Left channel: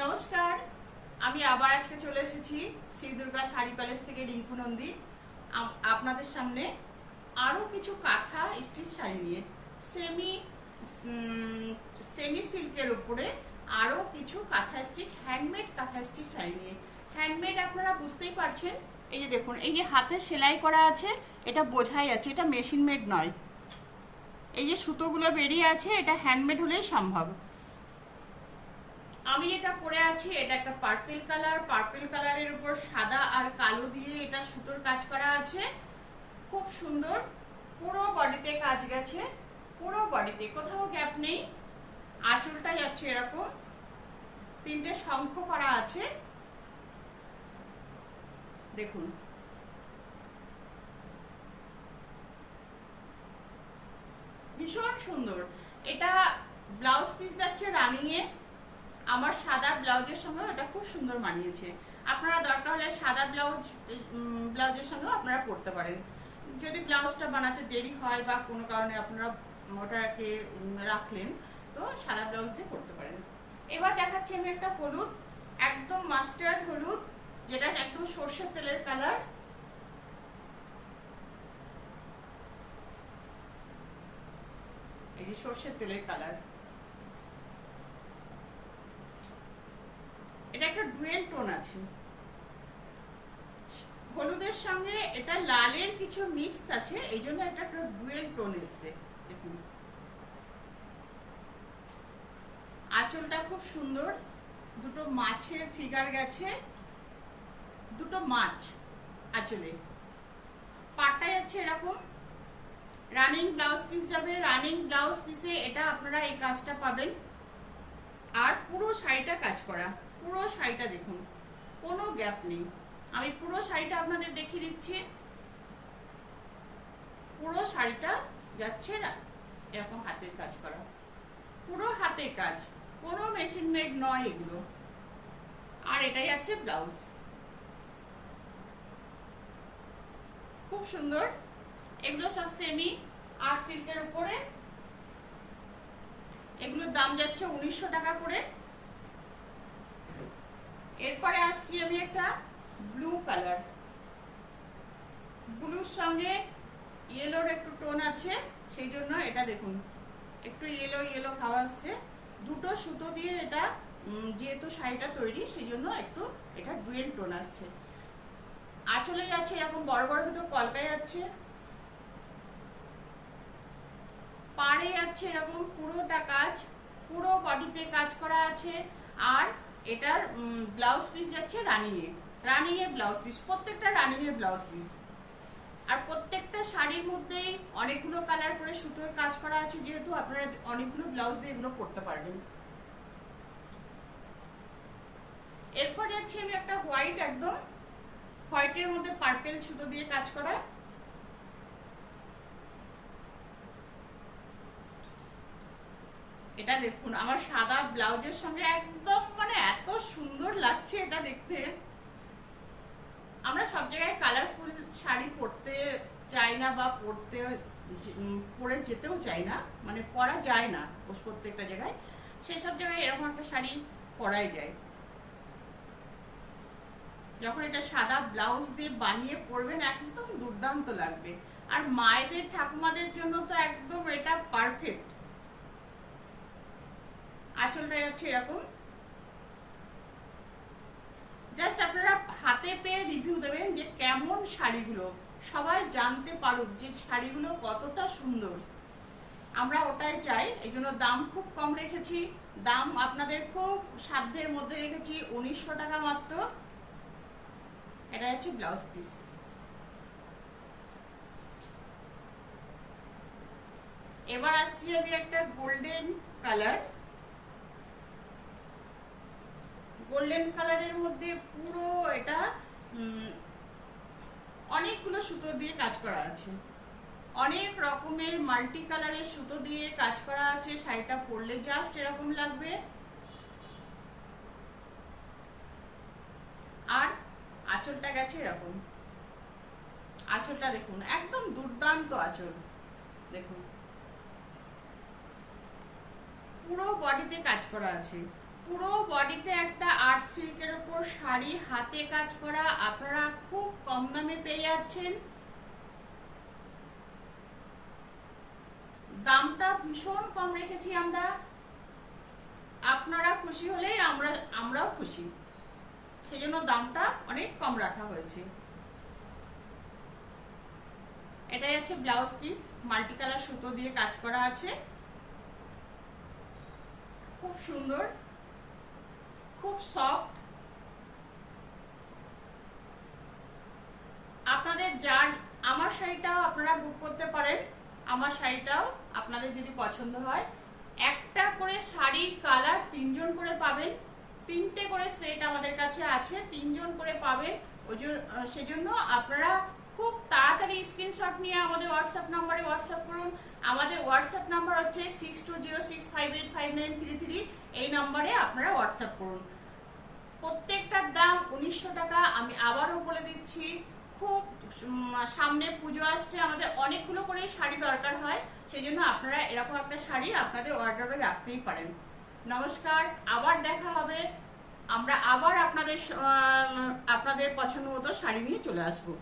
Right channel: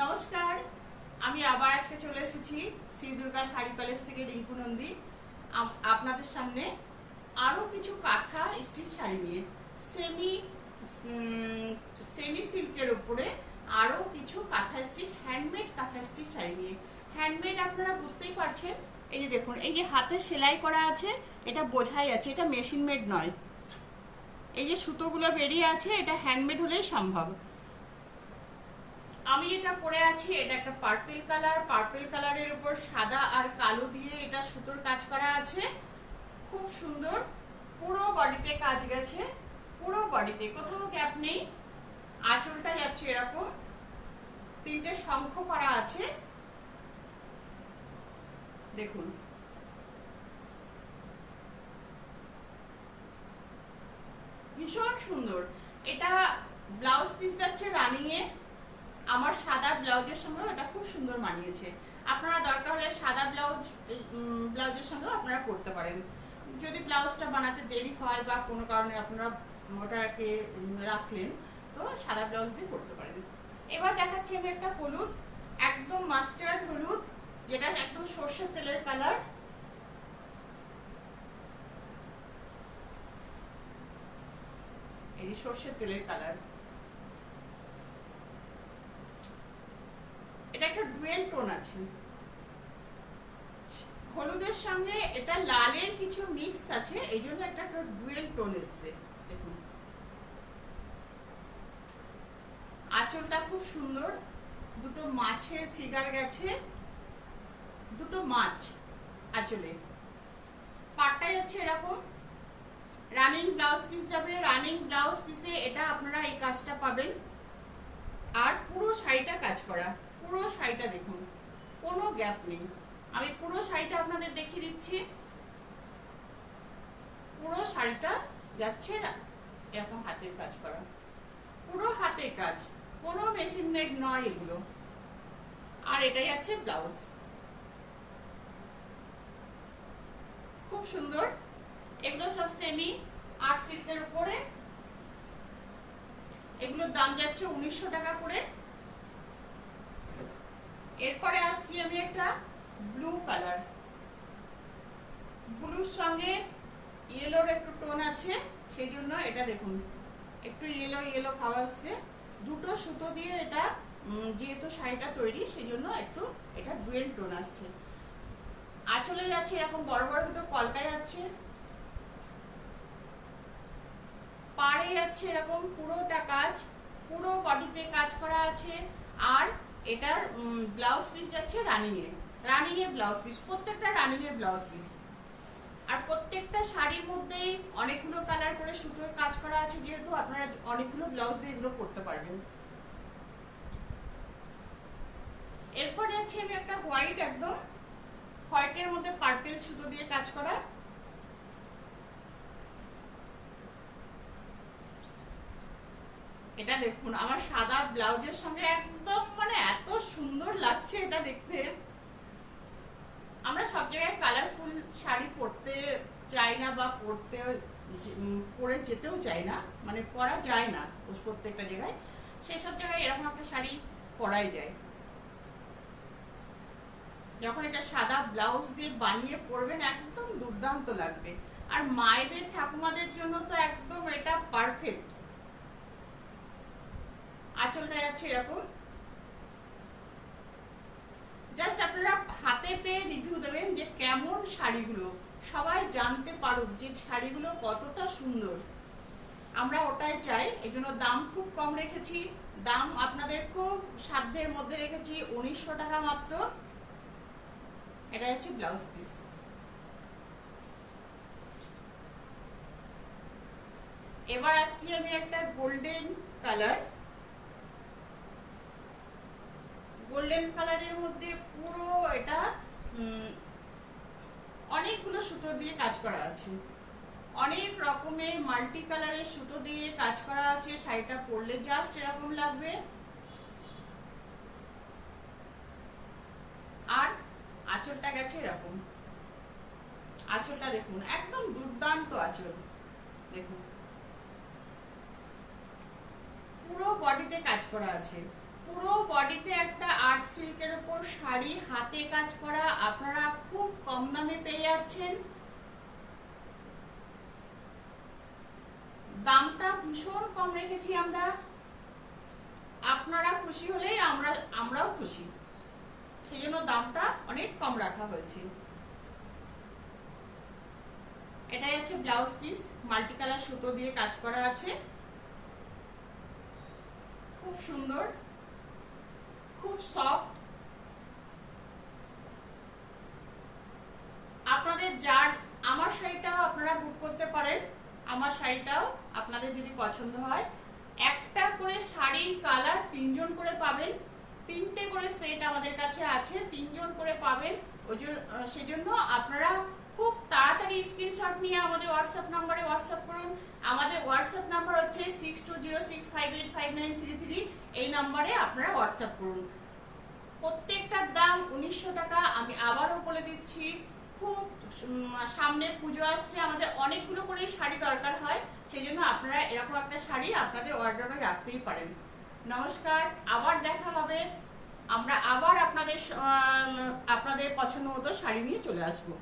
নমস্কার, আমি আবার আজকে চলে এসেছি শ্রী দুর্গা শাড়ি প্যালেস থেকে রিঙ্কু নন্দী আপনাদের সামনে আরো কিছু কাঁথা স্টিচ শাড়ি নিয়ে সেমি সেমি সিল্কের উপরে আরো কিছু কাঁথা স্টিচ হ্যান্ডমেড কাঁথা স্টিচ শাড়ি নিয়ে। হ্যান্ডমেড আপনারা বুঝতেই পারছেন, এই যে দেখুন, এই যে হাতে সেলাই করা আছে, এটা বোঝাই আছে এটা মেশিন মেড নয়। এই যে সুতোগুলো বেরিয়ে আছে, এটা হ্যান্ডমেড হলেই সম্ভব। আমি এটা পরে আছি, এটা একটা পার্পল কালার, পার্পল কালারের উপর সাদা আর কালো দিয়ে এটা সুতোর কাজ করা আছে, খুব সুন্দর। পুরো বডিতে কাজ গেছে, পুরো বডিতে কোথাও গ্যাপ নেই। আঁচলটা যাচ্ছে এরকম, তিনটে শঙ্খ করা আছে, দেখুন। ভীষণ সুন্দর। এটা ব্লাউজ পিস যাচ্ছে রানিং এ, আমার সাদা ব্লাউজের সঙ্গে এটা খুব সুন্দর মানিয়েছে। আপনারা দরকার হলে সাদা ব্লাউজের সঙ্গে আপনারা পরতে পারেন। যদি ব্লাউজটা বানাতে দেরি হয় বা কোনো কারণে আপনারা ওটাকে রাখলেন, তো সাদা ব্লাউজ দিয়ে পরতে পারেন। এবার দেখাচ্ছি আমি একটা হলুদ, একদম মাস্টার্ড হলুদ, যেটা একদম সর্ষের তেলের কালার। এই সর্ষের তেলের কালার, এটা একটা ডুয়েল টোন আছে। হলুদের সঙ্গে এটা লালের কিছু মিক্স আছে, এই জন্য এটা একটা ডুয়েল টোন এসছে। দেখুন আঁচলটা খুব সুন্দর, দুটো মাছের ফিগার গেছে, দুটো মাছ আঁচলে। পাটটা যাচ্ছে এরকম, রানিং ব্লাউজ পিস যাবে। রানিং ব্লাউজ পিসে এটা আপনারা এই কাজটা পাবেন। আর পুরো শাড়িটা কাজ করা, পুরো শাড়িটা দেখুন, কোনো গ্যাপ নেই। আমি পুরো শাড়িটা আপনাদের দেখিয়ে দিচ্ছি। পুরো শাড়িটা যাচ্ছে এরকম হাতের কাজ করা, পুরো হাতের কাজ, কোনো মেশিন মেড নয় এগুলো। আর এটাই যাচ্ছে ব্লাউজ, খুব সুন্দর। এগুলো সব সেমি আর সিল্কের উপরে, এগুলোর দাম যাচ্ছে 1900 টাকা করে। এরপরে আসছি আমি একটা ব্লু কালার, ব্লুর সঙ্গে ইয়েলোর একটু টোন আছে, সেই জন্য এটা দেখুন একটু ইয়েলো ইয়েলো খাওয়া আসছে। দুটো সুতো দিয়ে এটা যেহেতু শাড়িটা তৈরি, সেই জন্য একটু এটা ডুয়েল টোন আসছে। আঁচলে যাচ্ছে এরকম বড় বড় দুটো কলকা যাচ্ছে, পাড়ে যাচ্ছে এরকম পুরোটা কাজ, পুরো বডিতে কাজ করা আছে। আর এটার ব্লাউজ পিস যাচ্ছে রানিং এ ব্লাউজ পিস, প্রত্যেকটা রানিং এ ব্লাউজ পিস। আর প্রত্যেকটা শাড়ির মধ্যেই অনেকগুলো কালার করে সুতোর কাজ করা আছে, যেহেতু আপনারা অনেকগুলো ব্লাউজ দিয়ে এগুলো পরতে পারবেন। এরপর যাচ্ছে আমি একটা হোয়াইট, একদম হোয়াইটের মধ্যে পার্পল সুতো দিয়ে কাজ করা। এটা দেখুন আমার সাদা ব্লাউজের সঙ্গে একদম মানে এত সুন্দর লাগছে এটা দেখতে। আমরা সব জায়গায় কালারফুল শাড়ি পরতে চাই না, বা পরে যেতেও চাই না, মানে পরা যায় না প্রত্যেকটা জায়গায়। সেসব জায়গায় এরকম একটা শাড়ি পরাই যায়। যখন এটা সাদা ব্লাউজ দিয়ে বানিয়ে পরবেন, একদম দুর্দান্ত লাগবে। আর মায়েদের ঠাকুমাদের জন্য তো একদম এটা পারফেক্ট। আঁচলটা যাচ্ছে এরকম, জাস্ট আপনারা হাতে পেয়ে রিভিউ দেবেন যে কেমন শাড়িগুলো, সবাই জানতে পারুক যে শাড়িগুলো কতটা সুন্দর। আমরা ওটাই চাই, এই জন্য দাম খুব কম রেখেছি। দাম আপনাদের খুব সাধ্যের মধ্যে রেখেছি, 1900 টাকা মাত্র। এটা হচ্ছে ব্লাউজ পিস। এবার আসছি আমি একটা গোল্ডেন কালার, গোল্ডেন কালারের মধ্যে পুরো এটা অনেকগুলো সুতো দিয়ে কাজ করা আছে, অনেক রকমের মাল্টি কালারের সুতো দিয়ে কাজ করা আছে। শাড়িটা পরলে জাস্ট এরকম লাগবে। আর আঁচলটা গেছে এরকম, আঁচলটা দেখুন একদম দুর্দান্ত আঁচল, দেখুন পুরো বডিতে কাজ করা আছে। পুরো বডিতে একটা আর্ট সিল্কের উপর শাড়ি, হাতে কাজ করা, আপনারা খুব কম দামে পেয়ে যাচ্ছেন। দামটা ভীষণ কম রেখেছি আমরা, আপনারা খুশি হলে আমরাও খুশি, সেই জন্য দামটা অনেক কম রাখা হয়েছে। এটাই হচ্ছে ব্লাউজ পিস, মাল্টি কালার সুতো দিয়ে কাজ করা আছে, খুব সুন্দর, খুব সফট। আপনাদের আমার শাড়িটাও আপনারা বুক করতে পারেন, আমার শাড়িটাও আপনাদের যদি পছন্দ হয়। একটা করে শাড়ির কালার 3 জন করে পাবেন, 3টে করে সেট আমাদের কাছে আছে, 3 জন করে পাবেন। সেজন্য আপনারা খুব তাড়াতাড়ি স্ক্রিনশট নিয়ে আমাদের হোয়াটসঅ্যাপ নম্বরে হোয়াটসঅ্যাপ করুন। আমাদের হোয়াটসঅ্যাপ নাম্বার হচ্ছে 6206585933। এই নম্বরে আপনারা হোয়াটসঅ্যাপ করুন। প্রত্যেকটার দাম 1900 টাকা। আমি আবারও বলে দিচ্ছি, খুব সামনে পুজো আসছে, আমাদের অনেকগুলো করে শাড়ি দরকার হয়, সেই জন্য আপনারা এরকম একটা শাড়ি আপনাদের ওয়ার্ড্রবে রাখতেই পারেন। নমস্কার, আবার দেখা হবে। আমরা আবার আপনাদের পছন্দ মতো শাড়ি নিয়ে চলে আসবো।